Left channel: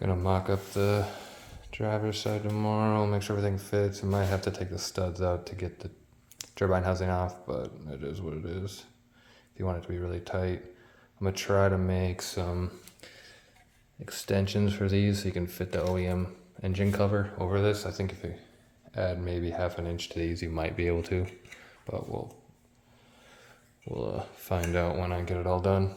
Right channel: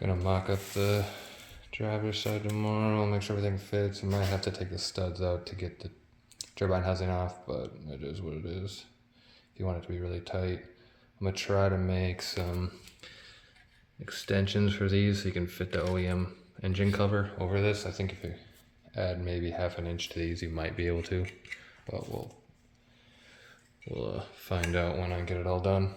Gonna mock up the driver's side tomorrow, make sure everything fits. I might have to take the studs out to get the turbine housing off, but it is what it is. If you want it to be really tight, I'm gonna try to make some extensions for these so you can fit the OEM engine cover over this. I think if you add maybe half an inch to these, you might be able to, but we'll find out when I get it all done.